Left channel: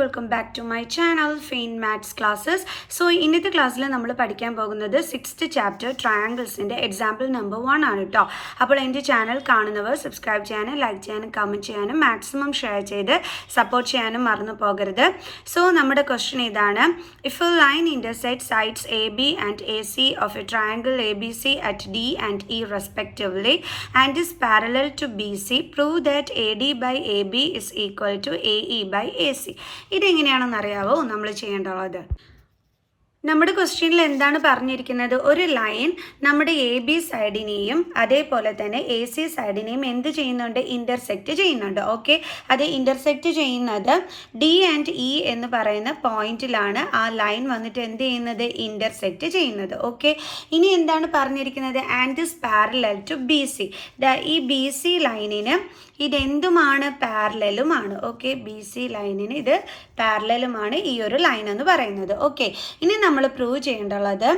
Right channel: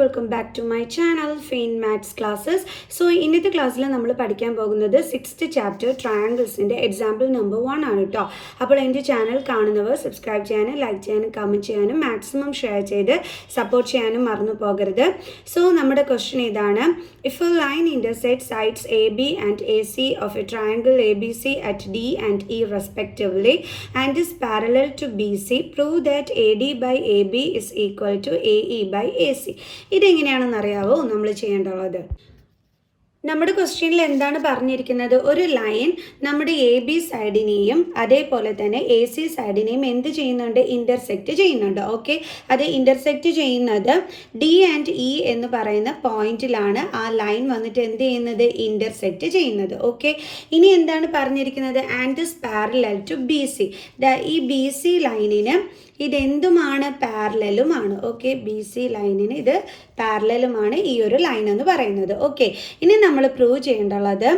welcome back to my channel Fain Maths Classes. So ഇന്നത്തെ ക്ലാസ്സിൽ നമ്മൾ പഠിക്കാൻ പോകുന്നത് 6th ചാപ്റ്റർ ട്രയാങ്കിൾസിൻ്റെ എക്സാമ്പിൾ നമ്പർ 1 ആണ് കേട്ടോ. അപ്പോൾ എൻ്റെ ചാനൽ കാണുന്നവർ സബ്സ്ക്രൈബ് ചെയ്യാനും ലൈക്ക് ചെയ്യാനും കമൻറ്റ് ചെയ്യാനും മാക്സിമം ഷെയർ ചെയ്ത് സപ്പോർട്ട് ചെയ്യാനും മറന്നു പോകരുത്. സോ നമ്മുടെ ക്വസ്റ്റ്യൻ ഇതാണ്: if A line intersects sides AB and AC of a triangle ABC at D and E respectively and is parallel to BC, prove that AD by AB is equal to AE by AC. ഇതെങ്ങനെയാണെന്ന് അറിയാവോ നമ്മൾ ചെയ്യേണ്ടത്? നമ്മുടെ ക്വസ്റ്റ്യനിൽ എന്താണ് പറഞ്ഞിരിക്കുന്നത്? ഒരു line നമ്മുടെ A B സൈഡിനെയും അതേപോലെ തന്നെ എ സി സൈഡിനെയും എന്ത് ചെയ്യുന്നുണ്ട്? ഇൻ്റർസെക്റ്റ് ചെയ്യുന്നുണ്ട്. ഓക്കെ, അത് ഇൻ്റർസെക്റ്റ് ചെയ്യുന്നത് ഡി ആൻഡ് ഇ എന്ന് പറയുന്ന പോയിന്റിലാണ് ആ ലൈൻ വന്നിട്ട് എന്ത് ചെയ്യുന്നത്? ഇൻ്റർസെക്റ്റ് ചെയ്യുന്നത്. ഓക്കെ, ഇനി എന്താണ് പറഞ്ഞിരിക്കുന്നത്? And is parallel to B C. ഈ ബി സി ലൈനിന് ഇതെന്തുമാണ്? പാരലലുമാണ്. ഓക്കെ, ബി സി ലൈനിന് ഇത് പാരലലുമാണ് ഈ ഒരു ലൈൻ എന്ന് പറയുന്നത്. ഓക്കെ, ഇനി നമ്മൾ പ്രൂവ് ചെയ്യേണ്ടുള്ളത്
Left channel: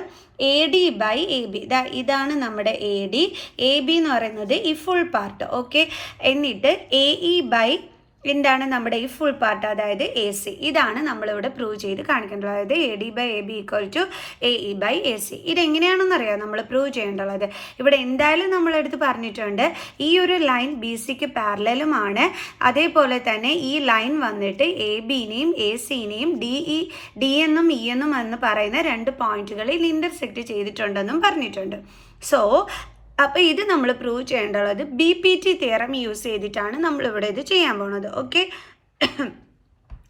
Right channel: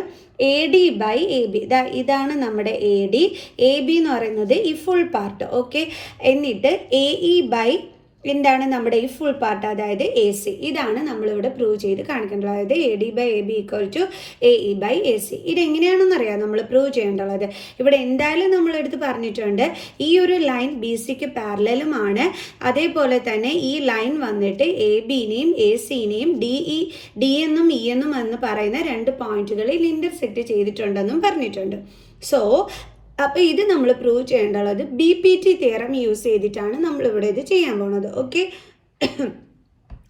A D by A B. ഇതാണ് നമ്മുടെ എ ഡി. എ ബി എന്ന് പറയുന്നത് ഈ ഫുൾ പാർട്ട്. ഓക്കെ, എന്നിട്ട് എ ഇ ബൈ എന്താണ് നമ്മുടെ ഈ ഫുൾ പാർട്ട്, അതായത് എ സി. ഇതാണ് നമ്മളിവിടെ പ്രൂവ് ചെയ്ത് കാണിക്കേണ്ടത്. അതായത് A D by A B equal to A E by A C. ഇതെങ്ങനെയാണെന്ന് അറിയാം നമ്മൾ പ്രൂവ് ചെയ്യേണ്ടത്. ഇവിടെ എന്തായാലും നമ്മളെടുത്ത് പറഞ്ഞിട്ടുണ്ട് ഈ ഒരു ലൈൻ ബി സിക്ക് പാരലലുമാണ്. അതേപോലെ തന്നെ ഈ ലൈൻ വന്നിട്ട് എ ബിനെയും എ സിനെയും ഡി എന്നും ഇ എന്നും എന്ന് പറയുന്ന രണ്ട് പോയിന്റുകളിൽ ഇൻ്റർസെക്റ്റ് ചെയ്തിട്ടുണ്ടെന്നും പറഞ്ഞിട്ടുണ്ട്. സോ അപ്പോൾ ഇത് നമ്മൾ പ്രൂവ് ചെയ്യേണ്ടത് B P T theorem use ചെയ്തിട്ടാണ് നമ്മളിവിടെ ഇത് ചെയ്യാൻ പോകുന്നത്. ഓക്കെ,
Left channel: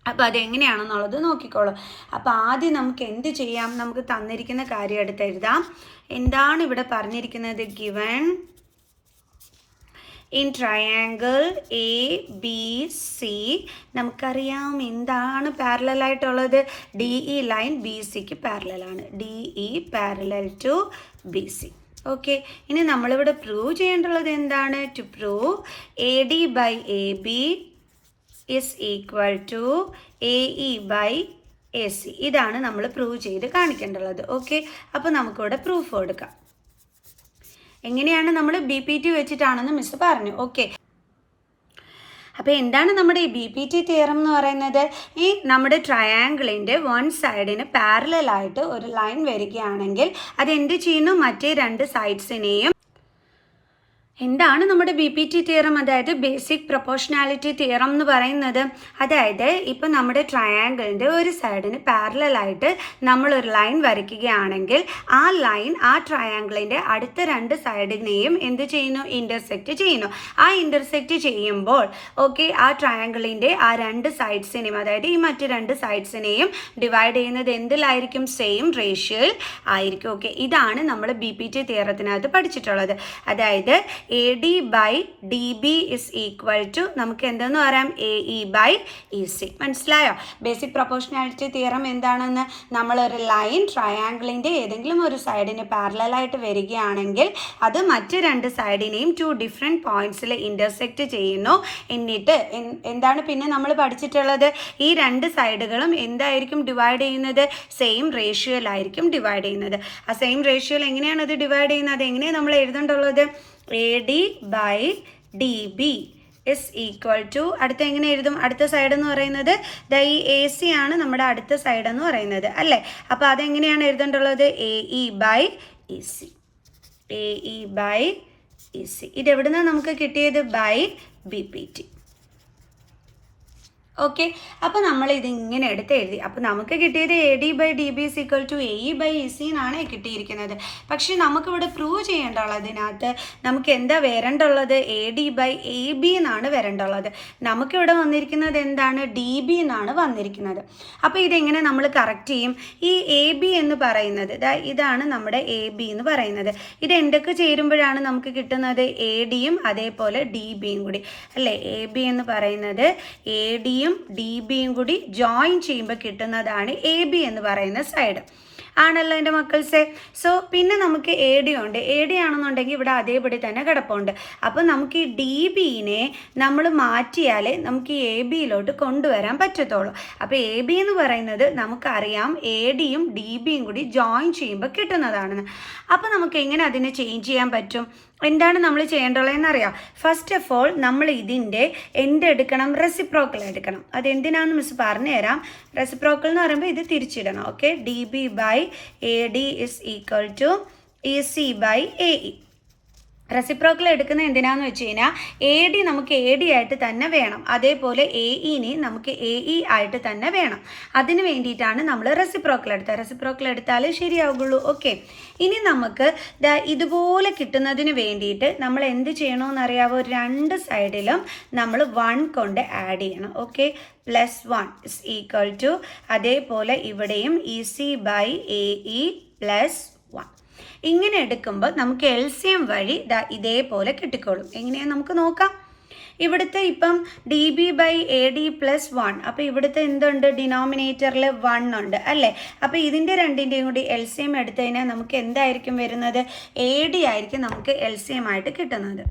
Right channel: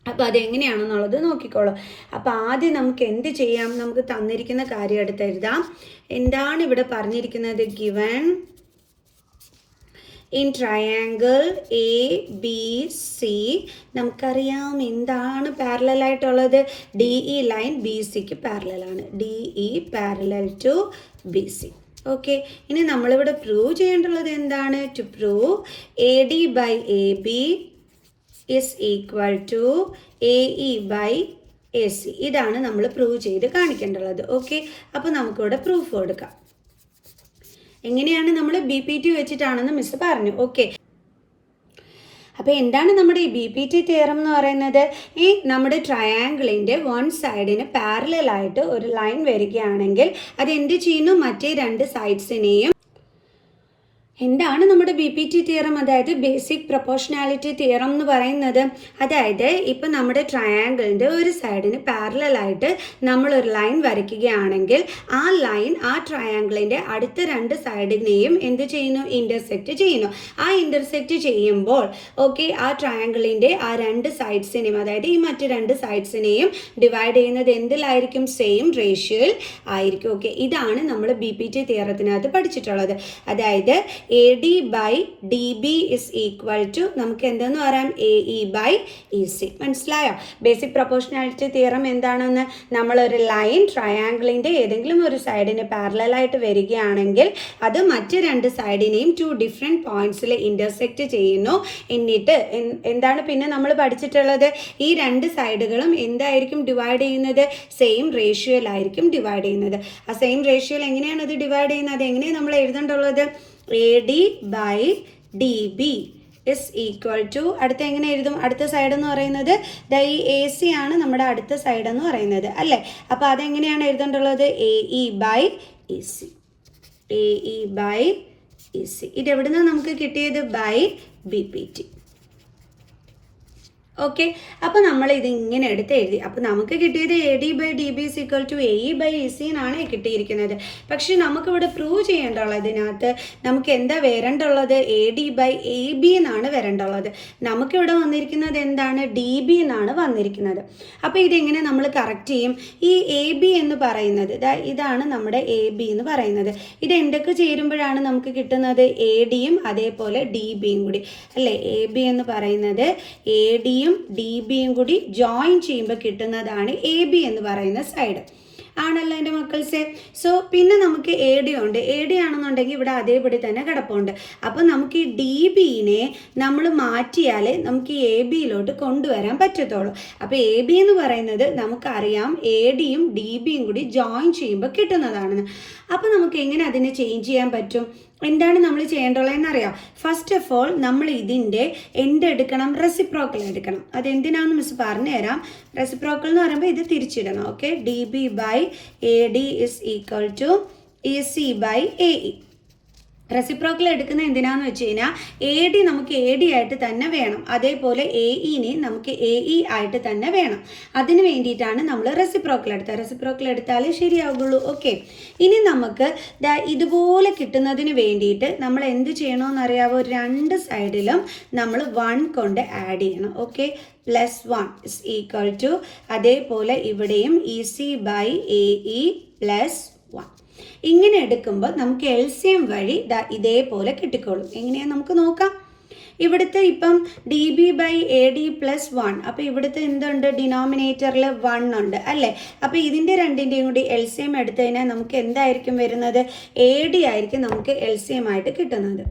അപ്പോൾ അതെങ്ങനെയാണെന്നുള്ളത് നോക്കിക്കോളൂ. അപ്പോൾ ആദ്യം നമുക്ക് എന്ത് ചെയ്യാം? നമുക്ക് തന്നിരിക്കുന്ന കാര്യം എടുത്ത് എഴുതാം. എന്താണ് ഇവിടെ പറഞ്ഞിരിക്കുന്നത്? Given in triangle A B C നമുക്കറിയാം എന്താണ് പാരലലായിട്ടുള്ളത്? ഡി ഇ ലൈൻ ബി സിക്ക് പാരലലാണ്. D E parallel to B C. Okay, ഇനി നമ്മളിവിടെ പ്രൂവ് ചെയ്യേണ്ടുള്ളത് എന്താണ്? To prove A D by A B is equal to A E by A C. ഇതാണ് നമ്മൾ പ്രൂവ് ചെയ്ത് കാണിക്കേണ്ടുള്ളത്. ഓക്കെ, അപ്പോൾ നമുക്കിവിടെ പ്രൂഫ് കൊടുക്കാം. എങ്ങനെയാണ്? നമ്മൾ ബി പി ടി വെച്ചിട്ടാണെന്ന് മിസ് പറഞ്ഞു. ഓക്കെ, അപ്പോൾ എന്താണ് നമ്മുടെ ഈ ബി പി ടി തിയറം എന്ന് പറയുന്നത്? ഈ നമ്മുടെ ട്രയാങ്കിളിൻ്റെ വൺ സൈഡിന് പാരലലായിട്ട് ഒരു ലൈൻ വരികയാണെങ്കിൽ അതെന്ത് ചെയ്യുന്നു? മറ്റേ രണ്ട് സൈഡ്സിനെയും എന്താണ് നമ്മുടെ ബി പി ടി തിയറം? അതായത് ബേസിക് പ്രൊപ്പോർഷണാലിറ്റി തിയറം എന്ന് പറയുന്നത്. അതായത് ഇപ്പം നമ്മുടെ ട്രയാങ്കിളിൻ്റെ ഒരു സൈഡിന് പാരലലായിട്ട് നമ്മളൊരു ലൈൻ വരയ്ക്കുകയാണെങ്കിൽ ആ ലൈൻ ആ ട്രയാങ്കിളിൻ്റെ അടുത്ത രണ്ട് സൈഡിനെയും എന്ത് ചെയ്യുന്നു? ഇൻ്റർസെക്റ്റ് ചെയ്യുന്നു. ആ ഇൻ്റർസെക്റ്റ് ചെയ്യുമ്പോൾ ഓക്കെ, ആ ട്രയാങ്കിളിൻ്റെ ആ രണ്ട് സൈഡ്സിനെയും, അതായത് ഈ മറ്റ് രണ്ട് സൈഡ്സിനെയും ഡിവൈഡ് ചെയ്യുന്നത് എന്തിലായിരിക്കും? സെയിം റേഷ്യോയിൽ ആയിരിക്കും. ഓക്കെ, ഇതാണ് നമ്മൾ ബി പി ടി തിയറത്തിനകത്ത് പഠിച്ചിട്ടുള്ളത്. അതായത് A D by D B is equal to നമുക്ക് എന്തെന്ന് പറയാം? A E by E C. മനസ്സിലായോ? ബേസിക് പ്രൊപ്പോർഷണാലിറ്റി തിയറം എന്താണെന്ന്? നമ്മളൊരു ലൈൻ ട്രയാങ്കിളിൻ്റെ ഏതെങ്കിലും ഒരു സൈഡിന് പാരലലായിട്ട് വരികയാണെങ്കിൽ അത് മറ്റ് രണ്ട് സൈഡിനെയും ടു ഡിഫറെൻറ്റ് പോയിന്റ്സിൽ ഇൻ്റർസെക്റ്റ് ചെയ്യുന്നു. എന്നിട്ട് എന്താണ് പിന്നെ നമ്മൾ പഠിച്ചിട്ടുള്ളത്? ഈ രണ്ട് സൈഡുകളും എന്തായിരിക്കും ഡിവൈഡ് ചെയ്യുന്നത്? സെയിം റേഷ്യോയിലായിരിക്കും ഡിവൈഡ് ചെയ്യുന്നത്. ആ സെയിം റേഷ്യോയിൽ എങ്ങനെയാണ് അത് ഡിവൈഡ് ചെയ്യുന്നത്? എങ്ങനെയാണ് നമ്മൾ എഴുതേണ്ടുള്ളത്? A D by D B is equal to അടുത്ത എങ്ങനെ എഴുതും? അടുത്ത സൈഡ് എന്ന് പറയുന്നത് ഈ എ സി ആണ് നമ്മുടെ അടുത്ത സൈഡ് എന്ന് പറയുന്നത് അല്ലേ? അപ്പോൾ അതെങ്ങനെയാണ് എഴുതേണ്ടുള്ളത്? A E by E C. A E by E C. ഇതെവിടുന്ന് നമുക്ക് കിട്ടിയത്? By B P T. Okay, അപ്പോൾ നമ്മൾ ഇതിങ്ങനെ എടുത്ത് എഴുതി. അപ്പോൾ നമുക്ക് കിട്ടിയത് A D by D B is equal to A E by E C എന്നാണ് കിട്ടിയിരിക്കുന്നത്. പക്ഷേ നമുക്കിവിടെ പ്രൂവ് ചെയ്യേണ്ടുള്ളതിനകത്ത് നമുക്ക് എന്താ വരേണ്ടുള്ളത്? A D by A B എന്നാണ് വരേണ്ടുള്ളത്. നമുക്കിവിടെ വന്നിരിക്കുന്നത് എന്താണ്? ഡി ബി എന്നാണ് വന്നിരിക്കുന്നത്. അപ്പോൾ ഇതെങ്ങനെ നമ്മൾ കറക്റ്റ് ചെയ്യും? ഈ എ ബി എന്ന് പറയുന്നത് ഇതാണ് നമ്മുടെ എ ബി എന്ന് പറയുന്നത്. ഇത് എന്തൊക്കെ ചേരുമ്പോഴാണ് നമുക്ക് കിട്ടുന്നത്? എ ഡിയും അതേപോലെ ഡി ബിയും കൂടി അല്ലേ? എ ബി എന്ന് പറയുന്നത് എ ഡിയും ഡി ബിയും കൂടി ജോയിൻ ചെയ്യുമ്പോൾ കിട്ടുന്നതാണ് എ ബി എന്ന് പറയുന്ന സൈഡ്. ആണല്ലോ എൻ്റെ മക്കൾസെ. സോ പിന്നെ നമുക്ക് എ ഡി ഉണ്ട്. എ ഡി ആണെന്നുണ്ടെങ്കിൽ ഇവിടെ അതേപടി തന്നെ കിടപ്പുണ്ട്. അപ്പോൾ നമുക്ക് ഈ ഡി ബിനെ നമ്മൾ മാറ്റിയാലേ നമുക്ക് ഈ എ ബിയിലോട്ട് കൊണ്ടുവരാൻ പറ്റത്തുള്ളൂ. അപ്പോൾ എ ബി എന്ന് പറയുന്നത് നമുക്കറിയാം എ ഡിയും ഡി ബിയും കൂടി ജോയിൻ ചെയ്യുമ്പോൾ കിട്ടുന്നതാണെന്ന്. അപ്പോൾ നമുക്ക് എങ്ങനെ അതിനെ ചേഞ്ച് ചെയ്യാൻ പറ്റും? എന്താണ് നമ്മൾ ചെയ്യേണ്ടതെന്ന് അറിയാം. ഫസ്റ്റ് ഓഫ് ഓൾ നമ്മൾ ഇതിൻ്റെ എന്തെടുക്കണം, റെസിപ്രോക്കൽ എടുക്കണം. അതെന്തിനാണെന്ന് മിസ് പറഞ്ഞു തരാം. റെസിപ്രോക്കൽ എന്ന് പറയുമ്പോൾ ഇത് തിരിച്ചിടണം. Okay, D B by A D is equal to E C by A E. Reciprocal എടുക്കുന്നത് എന്തിനാന്ന് വെച്ച് കഴിഞ്ഞാൽ എ ഡി നമുക്ക് എ ഡി ആയിട്ട് തന്നെ വേണം, അതേപോലെ എ ഇനെ നമുക്ക് എ ഇ ആയിട്ട് തന്നെ വേണം. അതിന് വേണ്ടിയിട്ടാണ് നമ്മൾ റെസിപ്രോക്കൽ എടുത്തത്. റെസിപ്രോക്കൽ എടുത്താലേ ശരിയാവുള്ളൂ. ഓക്കെ, ഇനി നമുക്ക് ഇതുപോലെ കിട്ടുന്നതിന് വേണ്ടിയിട്ട് നമ്മൾ എന്ത് ചെയ്യണമെന്നറിയാവോ, രണ്ട് സൈഡിലും നമ്മൾ 1 കൊണ്ട് ആഡ് ചെയ്യണം. ഓക്കെ, +1 ഇസ് ഈക്വൽ ടു, അതേപോലെ ഇവിടെയും E C by A E +1. ഇങ്ങനെ എടുക്കുമ്പോൾ നമുക്ക് LCM വഴി ഇതേപോലെ കിട്ടിക്കോളും. എങ്ങനെയാ നമുക്ക് നോക്കാം. ഇവിടുത്തെ ഇപ്പം D B by A D +1, അപ്പോൾ ഇവിടുത്തെ എന്തുണ്ട്, ഡിനോമിനേറ്ററിൽ 1 ഉണ്ട് അല്ലേ. അപ്പോൾ ഇതിൻ്റെ രണ്ടിൻ്റെയും കൂടി LCM എടുത്തു കഴിഞ്ഞാൽ നമുക്ക് എന്തായിരിക്കും വരുന്നത്, എ ഡി ആയിരിക്കും നമുക്ക് LCM ആയിട്ട് കിട്ടുന്നത്.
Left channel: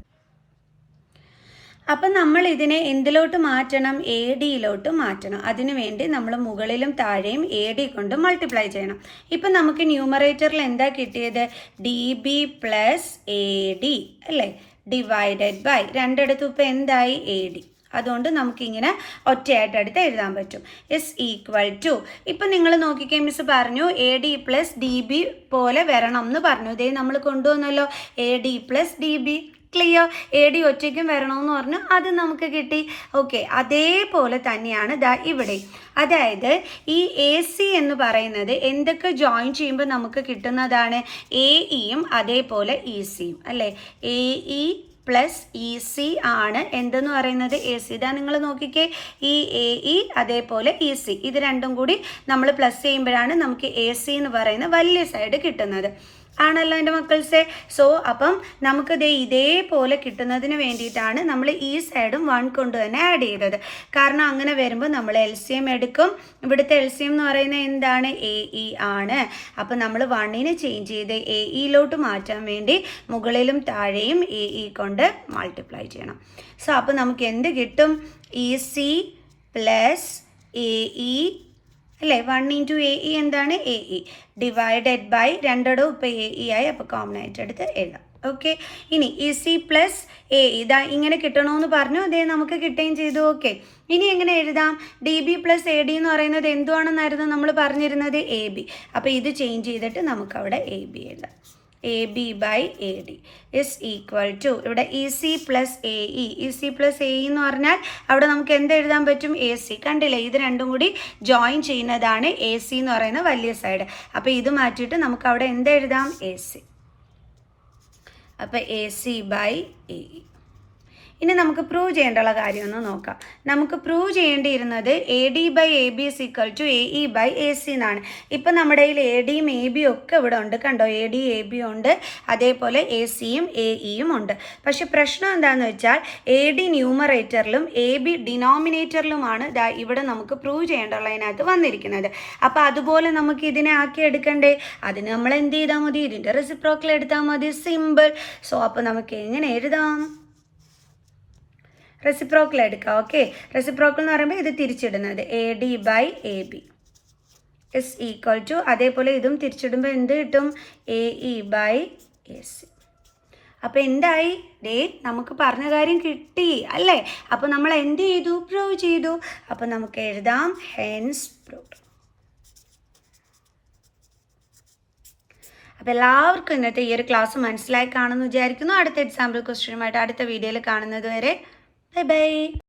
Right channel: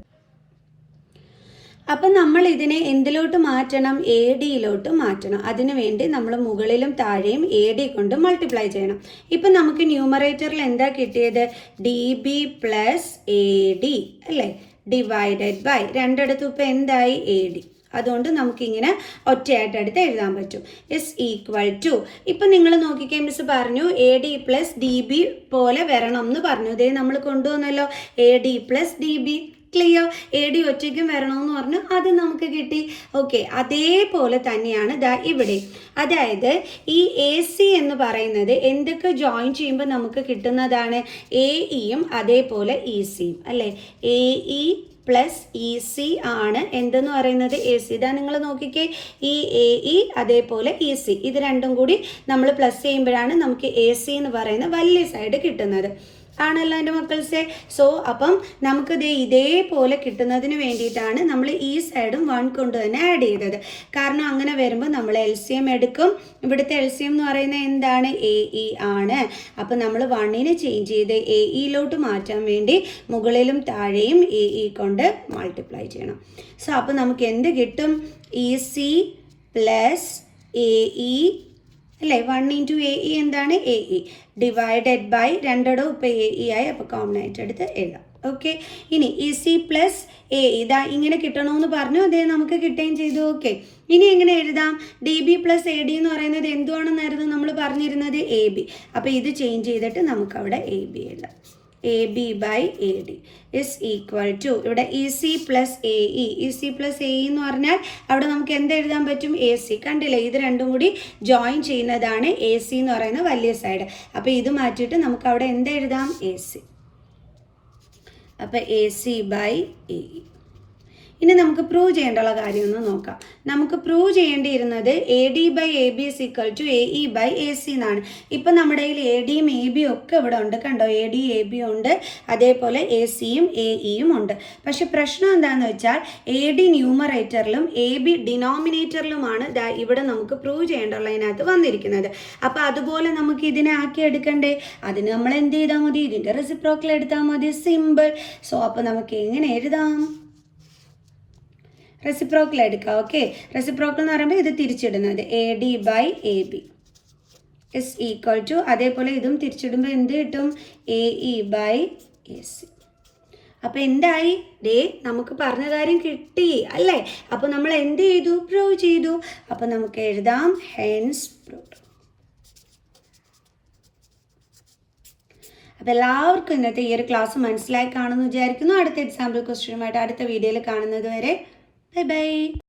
അപ്പം നമ്മൾ ഇതിനെ എന്തിലോട്ട് മാറ്റണം, എ ഡിയിലോട്ട് മാറ്റണം. അതിനു വേണ്ടി നമ്മൾ മുകളിലും താഴെയും എ ഡി കൊണ്ട് മൾട്ടിപ്ലൈ ചെയ്യണം. ഇപ്പം നമുക്ക് ന്യൂമറേറ്ററിൽ എന്താ കിട്ടിയത്, D B plus A D അല്ലേ, ഡിവൈഡഡ് ബൈ രണ്ടിടത്തും ഇപ്പം എന്തായി, എ ഡി. അതുകൊണ്ട് നമുക്കിങ്ങനെ ഒറ്റയായിട്ട് എടുത്ത് എഴുതാൻ പറ്റും. ഇസ് ഈക്വൽ ടു, ഇപ്പം നിങ്ങൾ നോക്കിക്കേ, മിസ് പറഞ്ഞു A D plus D B പോലെ വരണം എന്ന് പറഞ്ഞു. ഇതേ നമ്മൾ കൊണ്ടുവന്നല്ലോ, A D plus D B. Clear, A D ഒറ്റയ്ക്കും വരണമെന്ന് പറഞ്ഞു, അത് നമുക്ക് കിട്ടി. ഓക്കെ, അതേപോലെ തന്നെയാണ് ഇവിടെ. അതായത് ഈ എ സി എന്ന് പറയുന്നത് എന്തൊക്കെ ജോയിൻ ചെയ്യുമ്പോൾ നമുക്ക് കിട്ടുന്നതാണ്, എ ഇയും അതേപോലെ ഇ സിയും അല്ലേ. A E plus E C ആണ് എന്തെന്ന് പറയുന്നത്, എ സി. ഇതാ നിങ്ങൾ നോക്കിക്കേ, ഈ എ ഇ അതേപോലെ ഇ സി, ഇത് രണ്ടും കൂടി നമ്മൾ പ്ലസ് ചെയ്യുമ്പോഴാണ് നമുക്ക് എ സി എന്ന് പറയുന്ന വലിയ സൈഡ് കിട്ടുന്നത്. ആണല്ലോ എൻ്റെ മക്കൾസെ. സോ അപ്പം നമുക്ക് ഇതേപോലെ കിട്ടുന്നതിന് വേണ്ടിയിട്ടാണ് നമ്മൾ ഈ സൈഡും 1 കൊണ്ട് തന്നെ ആഡ് ചെയ്തത്. കാരണം അങ്ങനെ വരുമ്പോൾ നമ്മൾ LCM എടുക്കും. ഇവിടുത്തെ LCM എന്ന് പറയുന്നത് എന്താണ്, എ ഇ ആണ്. അപ്പം നമ്മൾ 1നെ ചേഞ്ച് ചെയ്ത് എ ഇയിലോട്ട് മാറ്റാൻ വേണ്ടി മുകളിലും താഴെയും എ ഇ കൊണ്ട് മൾട്ടിപ്ലൈ ചെയ്യണം. സോ അപ്പം നമുക്ക് എന്ത് കിട്ടും, E C plus A E അല്ലേ. 1 ഇൻറ്റു എ ഇ എന്താണ്, എ ഇ ഡിവൈഡഡ് ബൈ രണ്ടിടവും ഇപ്പോൾ എ ഇ ആയി, അപ്പോൾ കോമൺ ആയിട്ട് എടുത്ത് എഴുതാം. ഓക്കെ, ഇനി ഇ സി പ്ലസ് എ ഇതാ ഇങ്ങനെ കിട്ടണമെന്ന് പറഞ്ഞു, അതേ നമുക്ക് കിട്ടുകയും ചെയ്തു. ഓക്കെ, ഇനി എങ്ങനെ എഴുതാം, D B plus A D എന്ന് പറയുന്നത് എന്തുവാണെന്നായിരുന്നു നമ്മൾ പറഞ്ഞിരുന്നത്, എ ബി. അപ്പോൾ ഇത് ചേഞ്ച് ചെയ്തിട്ട് നമുക്കവിടെ എ ബി എഴുതാം. A B by A D is equal to, ഇവിടെ E C plus A E, E C plus A E എന്ന് പറഞ്ഞാൽ അവിടെ നമുക്ക് എന്ത് എഴുതാൻ പറ്റും, എ സി. കണ്ടില്ലേ, ഇത് രണ്ടും കൂടി ജോയിൻ ചെയ്യുന്നതാണ് എ സി എന്ന് പറയുന്ന വലിയ സൈഡ്. അപ്പോൾ ഇത് മാറ്റിയിട്ട് നമുക്ക് അവിടെ എന്ത് എഴുതാം, എ സി. അപ്പോൾ A C by A E. ഇനി നമുക്ക് പ്രൂവ് ചെയ്യേണ്ടുള്ള കാര്യം ഒന്ന് നോക്കാം. നമുക്ക് പ്രൂവ് ചെയ്യേണ്ടിയിരുന്നത് A D by A B is equal to A E by A C എന്നാണ്. ഇപ്പം നമ്മുടെ കയ്യിൽ എ ഡിയും എ ബിയും ഒക്കെ ഇവിടെ ഉണ്ട്, കണ്ടോ, എ ഡി എ ബി ഉണ്ട്, അതേപോലെ എ സിയും എ ഇയും ഉണ്ട്. പക്ഷെ പ്രശ്നം എന്താണെന്ന് വെച്ചാൽ എ ഡി ന്യൂമറേറ്ററിലും എ ബി ഡിനോമിനേറ്ററിലുമാണ് ഇവിടെ നമുക്ക് പ്രൂവ് ചെയ്യേണ്ടുള്ളതിനകത്ത് വന്നിരിക്കുന്നത്. അപ്പോൾ അതുപോലെ നമുക്ക് ഇതിനെ ആക്കി എടുക്കണ്ടേ, അതിന് നമ്മൾ എന്ത് ചെയ്താൽ മതി, ഇതിൻ്റെ റെസിപ്രോക്കൽ എടുത്താൽ മതി, സിമ്പിൾ. സോ അപ്പോൾ നമുക്ക് എങ്ങനെ എഴുതാം, റെസിപ്രോക്കൽ എടുക്കാം. ഓക്കെ, റെസിപ്രോക്കൽ എന്ന് പറയുമ്പോൾ ഇത് തിരിച്ചിടുന്നത് A D by A B is equal to, അതേപോലെ ഇതും തിരിച്ചിടുമ്പോൾ എന്ത് കിട്ടും, A E by A C. അപ്പോൾ എന്തായി, നമുക്ക് പറഞ്ഞ കാര്യം കിട്ടി അല്ലേ. അപ്പോൾ നമ്മൾ എന്ത് ചെയ്തു, പ്രൂവ് ചെയ്തു. അപ്പോൾ നമുക്ക് എഴുതാം ഹെൻസ് പ്രൂവ്ഡ്. അപ്പോൾ എല്ലാവർക്കും ഇന്നത്തെ ഈ ഒരു ക്ലാസ് മനസ്സിലായി കാണുമെന്ന് വിചാരിക്കുന്നു. അടുത്ത എക്സാമ്പിൾ ക്വസ്റ്റ്യനുമായിട്ട് അടുത്ത വീഡിയോയിൽ കാണുന്നത് വരെ ബൈ ബൈ.